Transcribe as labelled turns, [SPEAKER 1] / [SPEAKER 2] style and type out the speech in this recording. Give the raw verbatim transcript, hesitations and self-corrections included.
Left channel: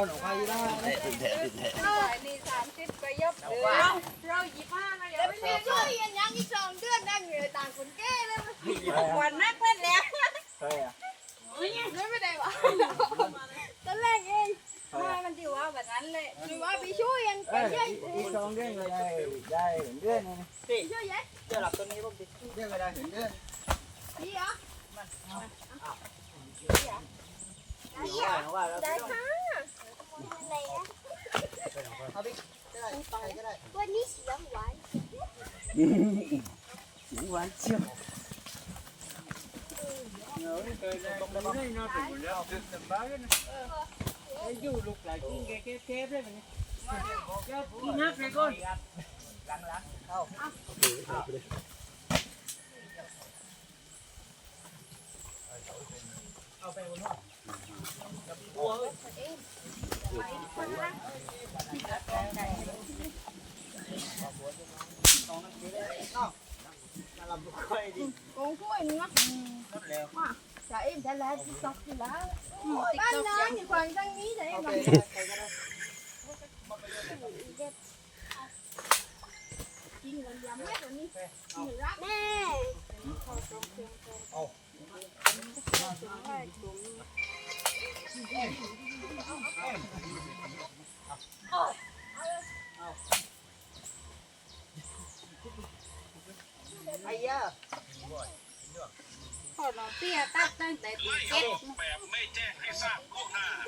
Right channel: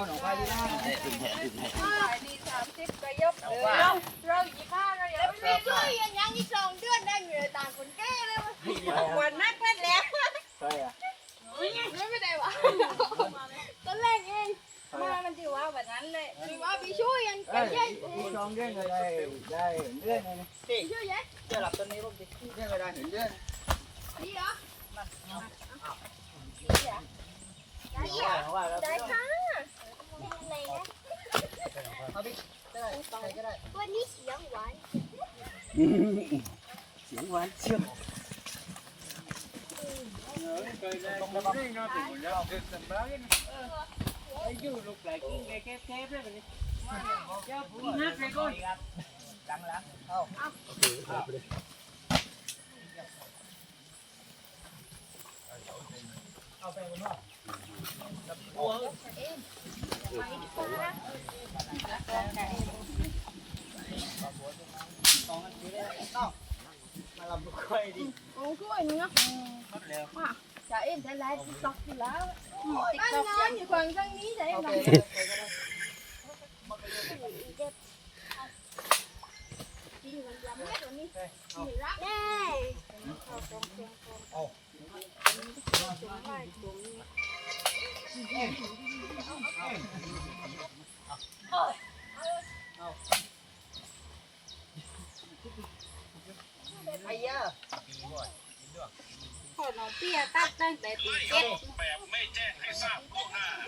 [SPEAKER 1] หนองควายได้ติดแผลติดแผล
[SPEAKER 2] นี่สามสิบกระยบเราเราหยิบผ้าเราอย่าไปช่วยยังยังอีกสองเดือนได้เหนื่อยต่างคนแก่เลยวันนักเล่นแล้ว
[SPEAKER 1] ใช่อ่ะ
[SPEAKER 2] ไม่ไม่ได้วะตอนแรกเองมามันจีว่าแบบนั้นเลยจีว่าไปช่วยยังไปใช่
[SPEAKER 1] สองเดือนก็ได้ได้เดือนนึง
[SPEAKER 2] ช่วยยัย
[SPEAKER 1] เดี๋ยวหลับตัวนี้ผมดิเดือนก็ได้ถึงเดือน
[SPEAKER 2] นี่เหรอได้ค่ะอะไรนะวันนี้เสียงหวาน
[SPEAKER 1] เสียงหวานเชี่ยวอยู่ลูกหลานกินแค่แค่เพื่อนนี่นักเลยก่อนหลังหลังเอาเอาไปบนหัวหัวมาลำบุกค่อยดิ
[SPEAKER 2] โอ้ช่วยเนื้อมาจะเอ็มจะไล่ติ๊กต็อกอยู่แล้วบ้านน้ำอยู่ฝั่งทางนี้ใช่ไหมกินมันยำเม็ดแบบนี้รักแน่เอา
[SPEAKER 1] ไอ้ยา
[SPEAKER 2] พอเราเตี้ยตัดตั้งแต่ตีเจ็ด
[SPEAKER 3] แบบไม่แจ้งให้ทราบล่วงหน้า